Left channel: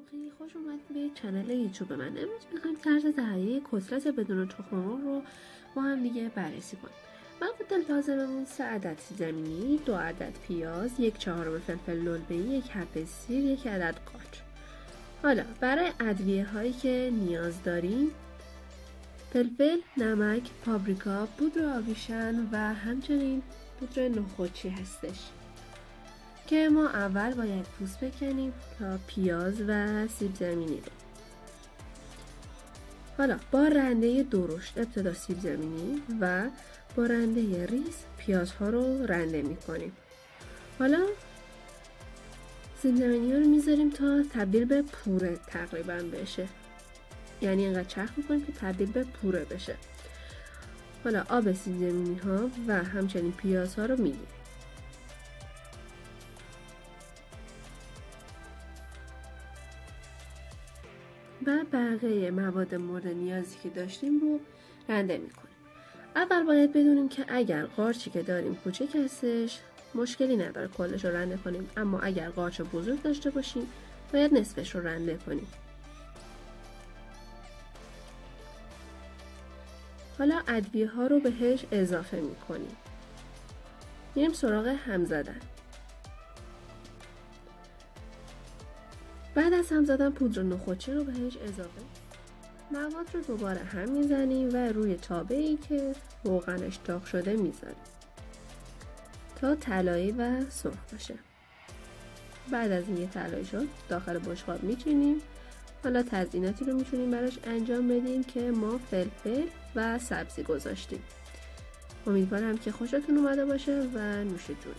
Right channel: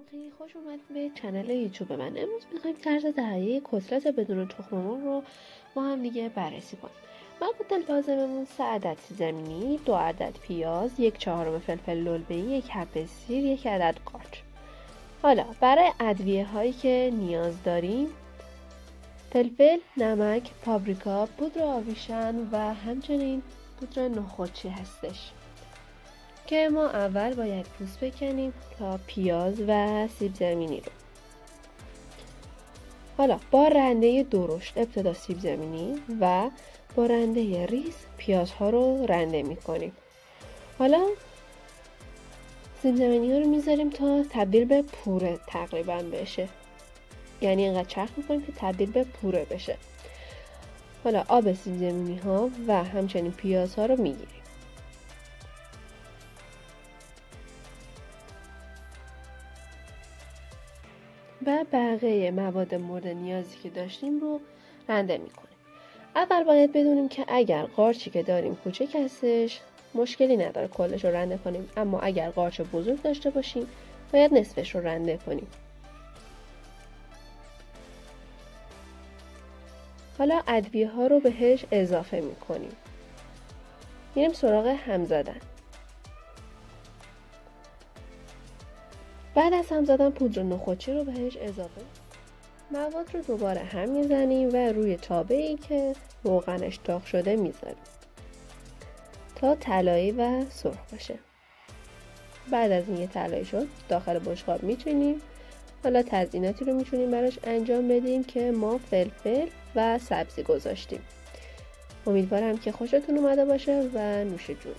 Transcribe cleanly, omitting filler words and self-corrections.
سلام، خیلی خوش اومدید به چنل یوتیوب من. امروز میخوایم طرز تهیه کتلت بدون تخم مرغ رو با هم دیگه بررسی کنیم. مواد لازممون 3 عدد سیب زمینی، 2 عدد پیاز، 1/4 فلفل للبه‌ای، 1 حب سیر، 1 عدد قارچ. حالا برای ادویه هایی که نیاز داریم: فلفل، نمک، پاپریکا، پودر آویشن و همچنین پودر نخودچی هستش که ما اول باید پوست بکنیم تا پیاز و سیب زمینی رو. حالا با رنده درشت ابتدا سیب زمینی و با رنده ریز پیازها رو رنده میکنیم. حالا سیب زمینی ها رو میذاریم تا تبدیل به پوره تقریبا بشه، یعنی اینقدر چرخ میکنیم که تبدیل به پوره بشه. حالا آب سیب زمینی ها و همچنین پیاز ها رو میگیریم و بقیه مواد مورد نیازی که داشتیم رو رنده میکنیم. اول باید بدونیم که اگر قارچی که داریم کوچک هستش مشکلی نداره کلش رو رنده کنیم، اما اگر قارچ بزرگ داشته باشیم باید نصفش رو رنده کنیم. حالا ادویه ها رو بهش اضافه میکنیم. میریم سراغ هم زدن. بعد از هم زدن پودر نخودچی رو بهش اضافه، مواد رو دوباره هم میزنیم و روی تابه‌ای که روغنش داغ شده میذاریم تا طلایی و سرخ باشه. بعد از اینکه طلایی شد داخل بشقاب میچینیم. حالا تزییناتی رو میتونیم براش انجام بدیم که ما فلفل و سبزی گذاشتیم. امیدوارم که خوشتون اومده باشه و نوش جون.